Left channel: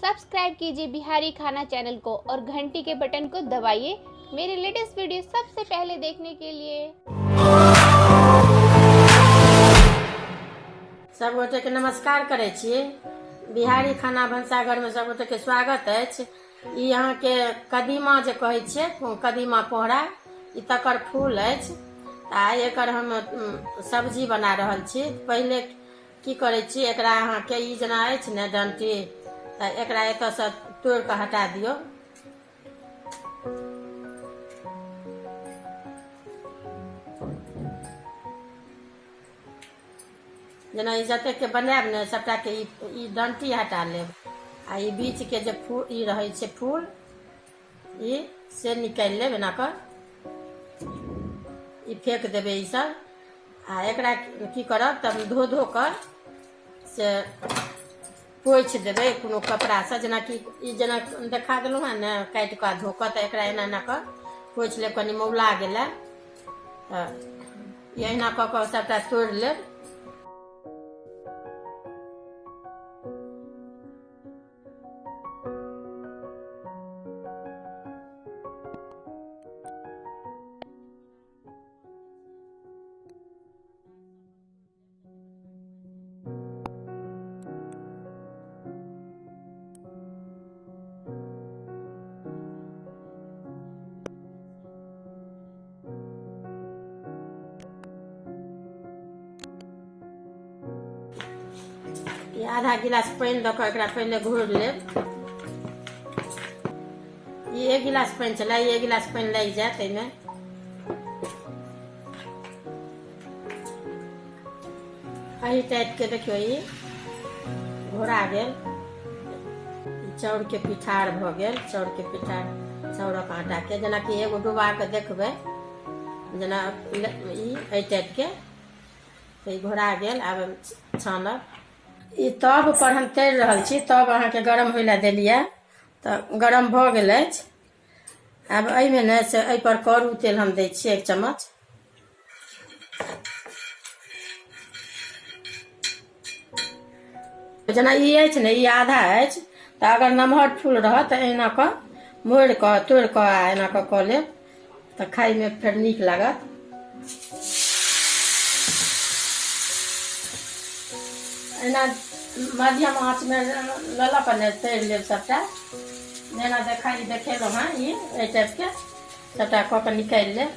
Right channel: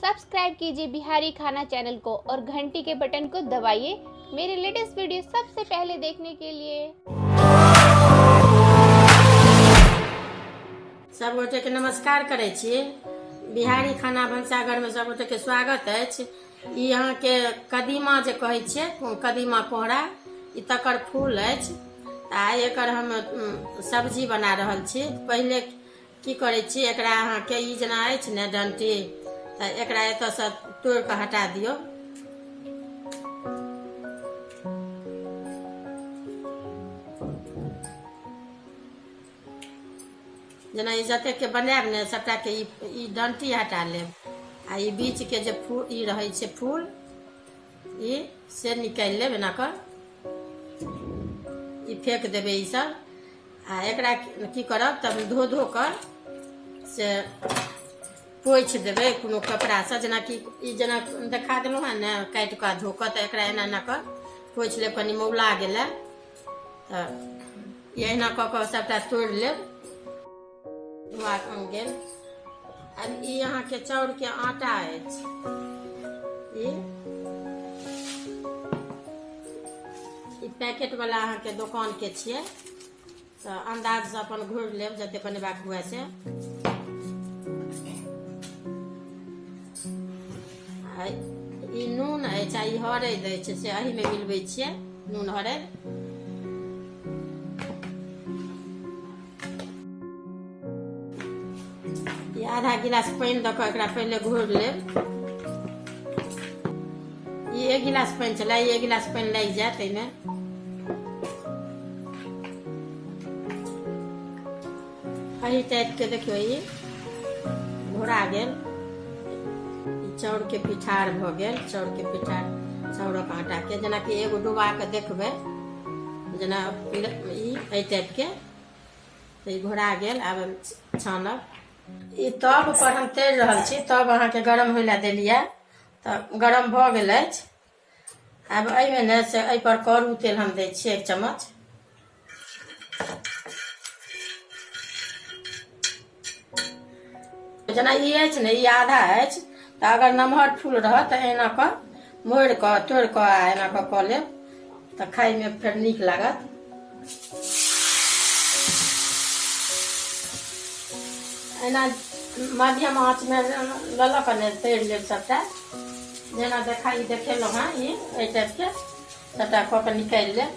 Subscribe कीजिए बिहारी खाना channel को और घंटी के बटन को दबाइए मेरे लेटेस्ट वीडियो सबसे पहले देखने के लिए। सब गोटे के नमस्कार करे छी। बिहारी खाना भनसाघर में सब गोटे के स्वागत अछि। ई यहाँ के कदीमा जे कहै छियै, कदीमा कोहरा, ई तकर फूल अछि। आ एकर हम सब्जी बना रहल छी। पहले की करै छी, एकरा अहाँ के ई जेना अछि ने डंटी, तऽ एकरा एतऽ से तोड़ के हटा दियौ। जेना ई जते के बनायब ने सबटा के ई डंटी हटा लेब। आ ई बीच के जे फूल ई रहै छै फूल, ई से निकालि लेब एना कऽ, ई फेंक देबै ई सब। आ एकरा की करब, तब धो धो कर से पोछि देबै कोनो कपड़ा से। जेना कि ई जेना देखा देलहुँ हँ ने, काटि कऽ धो कऽ, तऽ एकरा एना एना कऽ पोछि लेब। कनि मौला गेलै तऽ एहिना कऽ कऽ सबटा तोड़ि लेब। गेल। अब ई यहाँ के चाउर के आटा अछि। ई पैकेट वाला अहाँ के दुकान के छियै, तऽ अंदाज से अपन घोरि लेब जते बनेबाक हुए से। ई नून अछि आ ई हरैद अछि, से एही में मिलबै छियै, नून हरैद। आधा गिलास पानी दऽ कऽ एकरा पहले घोरि लेब। ई 1 गिलास पानी छलै, 1 गिलास पानी लागि जायत एहिमे। एही टाइप के देखियौ ई घोरा गेल। चाउर के पिठार भऽ गेल। चाउर के पिठार, चाउरक आटा के जेना कि एगो डुबा के देखबै, जेना ई एहि टाइप के ई घोरा गेल। आब छानब। ई तब पर हम तैर रहल छी। तब अहाँ के गरम होइ ला देलियै, तऽ गरम भऽ गेल अछि। आब एहिमे ने से एहि पर करू तेल हम दै छियै 1 चम्मच। जेना ई अछि ने, ई आधा अछि, तऽ अगर नमहर फूल रहत तऽ एना कऽ मोड़ि कऽ तोड़ि कऽ आ एना कऽ लेब, तऽ खाइमे फेर नीक लागत। एना मध्यम आँच में लऽ कऽ ने तैर लेब सबटा। जेना देखेलहुँ हँ, ई एहि टाइप के सबटा कऽ के निकालि लेब।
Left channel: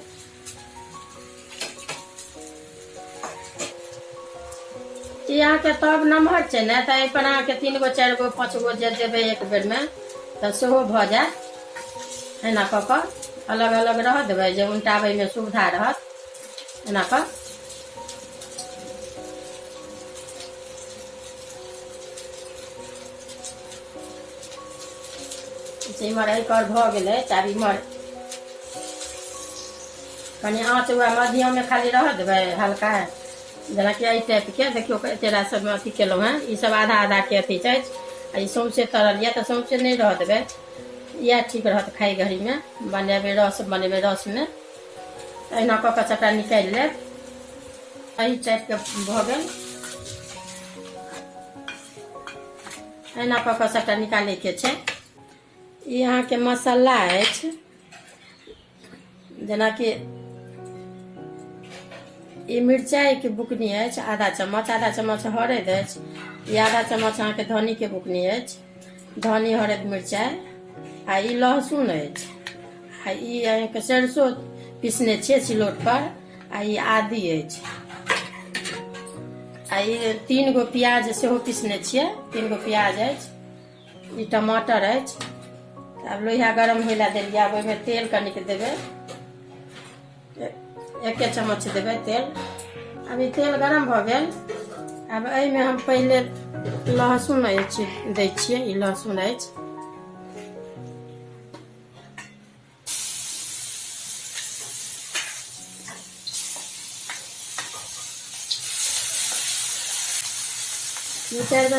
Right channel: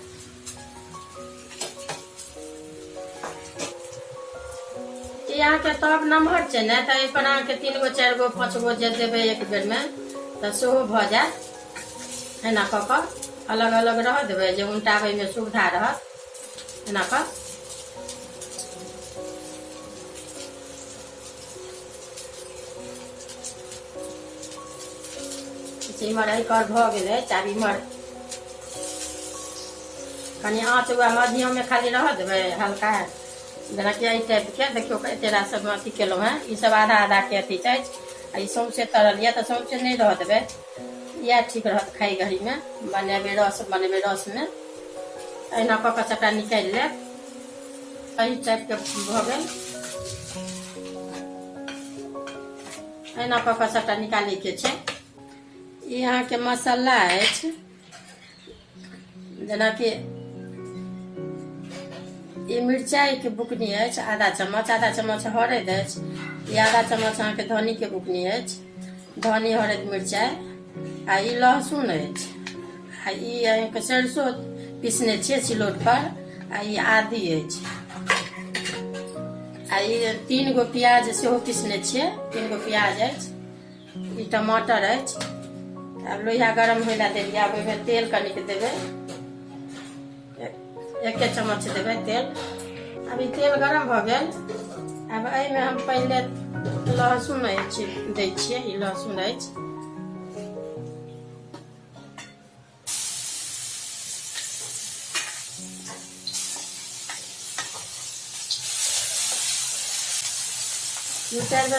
ई अहाँ के तब नमहर छै ने, तऽ एहि पर अहाँ के 3 गो 4 गो 5 गो जे देबै एक बेर में, तऽ सेहो भऽ जायत। एना कऽ कऽ अलग अलग रह देबै, जे उनटाबै में सुविधा रहत। एना कऽ इमहर एकर भऽ गेलै। आब इमहर कनि आँच हुआ मध्यम में खाली रह देबै हल्का। जेना कि एहि टाइप के देखियौ, तेरा सब में अथी केलहुँ हँ। ई सब आधा आधा के अथी छै। आ ई सौंसे तरल यऽ, तऽ सौंसे नहीं रह देबै। इएह ठीक रहत खाई घड़ी में। बनेबै रस में एहिना कऽ कऽ सबटा निकालि लेब। एहि टाइप के भऽ गेल। एना कऽ कऽ सबटा निकालै के छै। ई अहाँ के मसाला अछि। जेना कि ई मिरचाई के बुकनी अछि आधा चम्मच हरैद अछि। ई आधा चम्मच अहाँ के धनी के बुकनी अछि। धनी हरैद मिरचाई। आ ई लहसुन अछि। आ ई अहाँ के सरसों पीसने छियै सिलौट पर। आ ई आदी अछि। आ ई 3 गो प्याज सेहो पीसने छियै। 3 गो प्याज अछि। ई टमाटर अछि। अब लोहिया गरम होला देलियै। अब ओहिमे तेल कनिक देबै, 1 चम्मच देबै तेल। अब ई तेल गरम भऽ गेल। अब एहिमे हम पहले लहसुन अछि दै छियै। ई लहसुन अछि।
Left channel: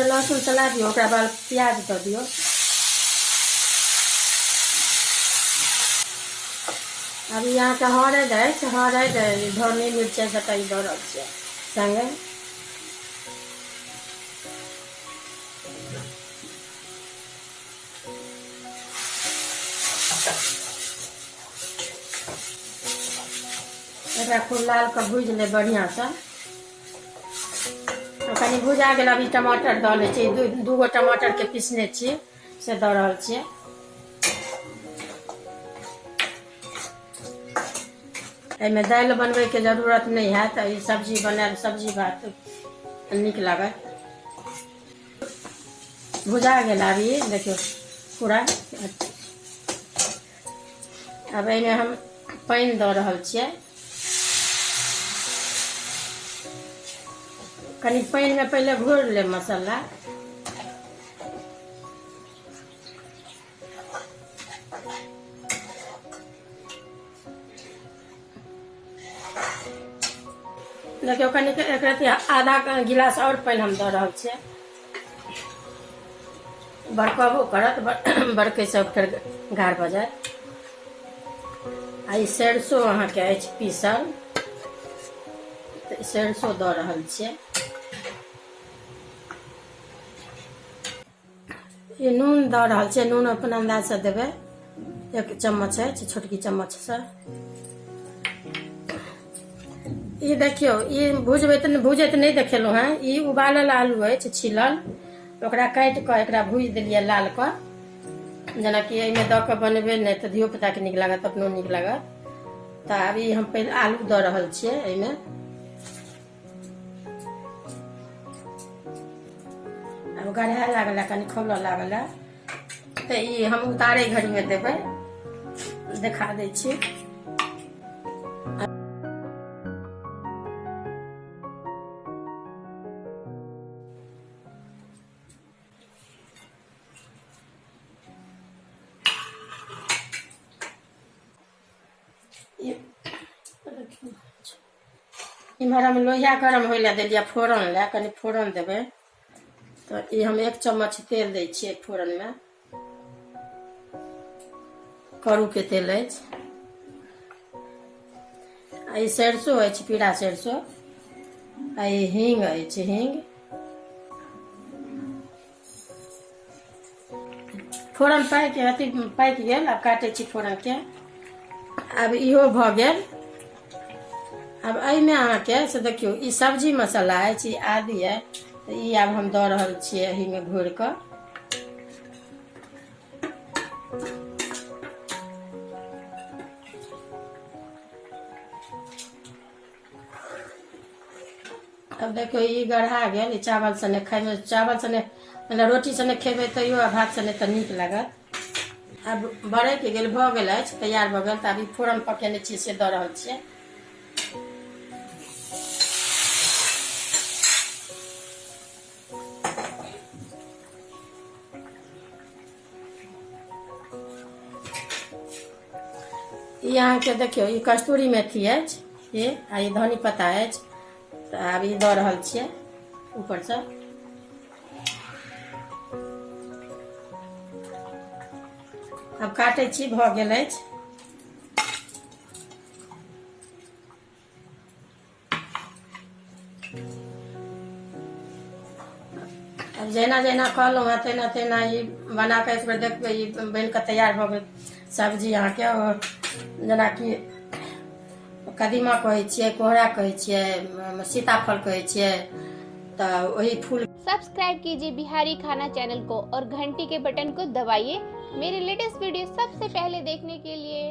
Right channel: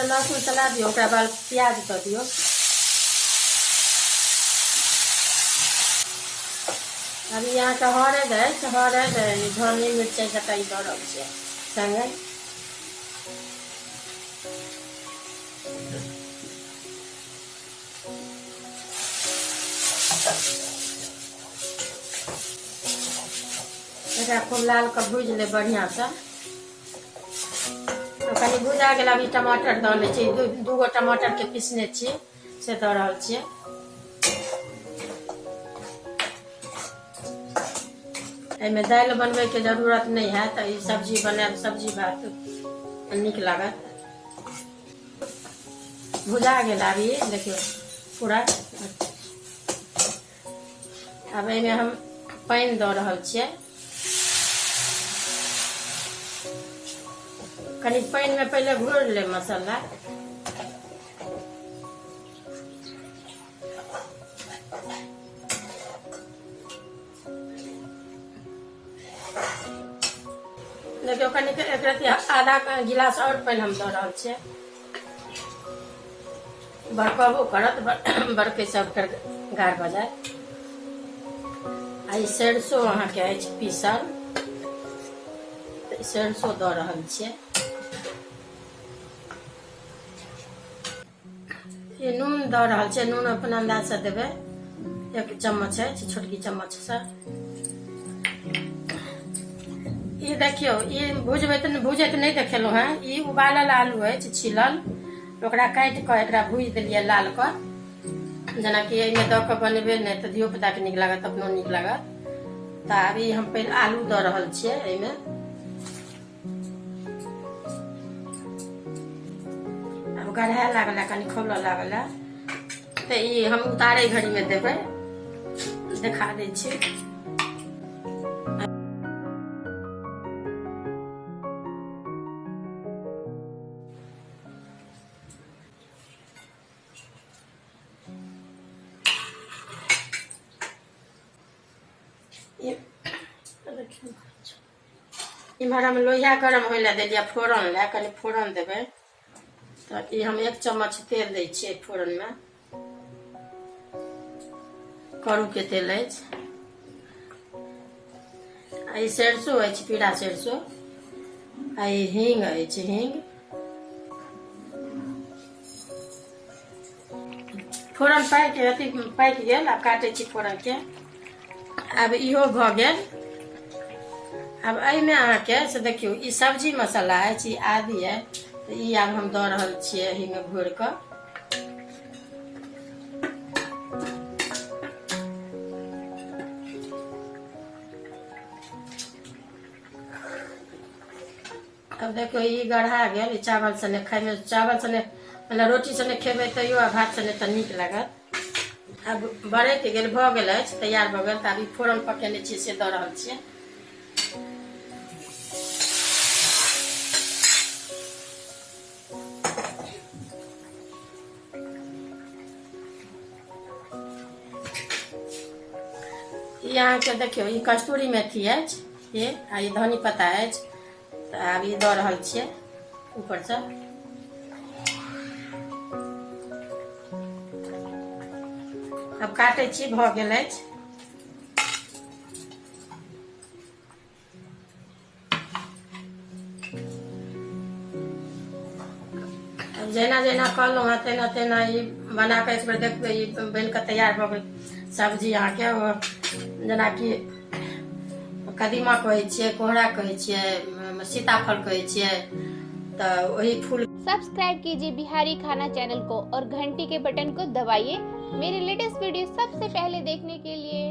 लहसुन चला दियौ, ओकरा बाद प्याज दऽ दियौ। अब यहाँ के हरैद अछि। हरैद धनी मिरचाई सबटा ई दऽ रहल छियै संगे। एकरा खूब लाल के भूज ले बढ़िया से। कनी भुजा गेल, अभी टमाटर दऽ लै छी। दूगो टमाटर के पीसने छी से दऽ रहल छियै। एहिमे दालि बनबै के जरूरत नहीं है, तो ई सब्जी बनाएब, सब्जी भात नीक लागत। भुजा गेल अभी देखियो पूरा। अब एहिमे हम पानि दऽ रहल छियै। कनी पानि में पहले घोर ले मसाला। देखियो कनी आधा गिलास और पानि हम दऽ रहल छियै। बड़कबो करत, बड़के से फेर गाढ़ भऽ जायत। आ ई सरिसो अहाँके अछि पीसल, सरिसो दऽ रहल छियै। ये नून दऽ रहल छियै। नून अपन अंदाज से देबै, 1 चम्मच है, छोटकी चम्मच से। ये देखियो, ये भुजैत नहीं देखेलहुँ हैं। ये उबालल आलू अछि छीलल, ओकरा काटि कऽ एकरा भूज देलियै लाल कऽ। जेनाकि एहिमे दऽ कऽ बनेबै नहि तऽ धियो पुता के नीक लागत, अपनो नीक लागत। तऽ अभी हम पहले आलू दऽ रहल छियै एहिमे। अब गढ़ा लागल है, कनी खौलऽ लागल है, तऽ ई हम उतारे घड़ी में देबै, देखा दै छी। इम्हर हम लोहिया गरम होइ लए देलियै फोरन लए, कनी फोरन देबै। तऽ ई हम 1 चम्मच तेल दै छियै फोरन में। करू के तेल अछि। आ ई सरिसो अछि, पीरा सरिसो। आ ई हींग अछि, हींग। फोरन पाकि गेल। आब काटै छी फोरन के। अब इहो भऽ गेल। अब एहिमे अहाँके से देखियो ई सब्जी मसाला अछि, ई आदि है, तो ई आब हम दऽ रहल छियै एही में घोर कऽ। अब देखियो ई गढ़ा गेल। ई चावल सने खाय में, चावल सने मतलब रोटी सने खेबै तैयो, आ भात सने तऽ नीक लागत। अब बड़े के गेल, भऽ गेल अछि, तैयार भऽ गेल। तऽ अभी फोरन पकेने छियै से दऽ रहल छियै। ई अहाँके देखियो ई कस्तूरी मेथी अछि, ये आ ई धनी पत्ता अछि। तऽ आब ई दऽ रहल छियै ऊपर से। अब काटै छी, भऽ गेल अछि। जेना जेना कहलहुँ हैं तेना तेना ई बना कऽ एक बेर देखबै। ई बनि कऽ तैयार भऽ गेल सब्जी अहाँके। जेनाकि कदीमा कहै छियै, कोहरा कहै छियै, सीताफल कहै छियै, तो वही फूल। सब्सक्राइब कीजिए बिहारी खाना चैनल को और घंटी के बटन को दबाइए मेरे लेटेस्ट वीडियो सबसे पहले देखने के लिए।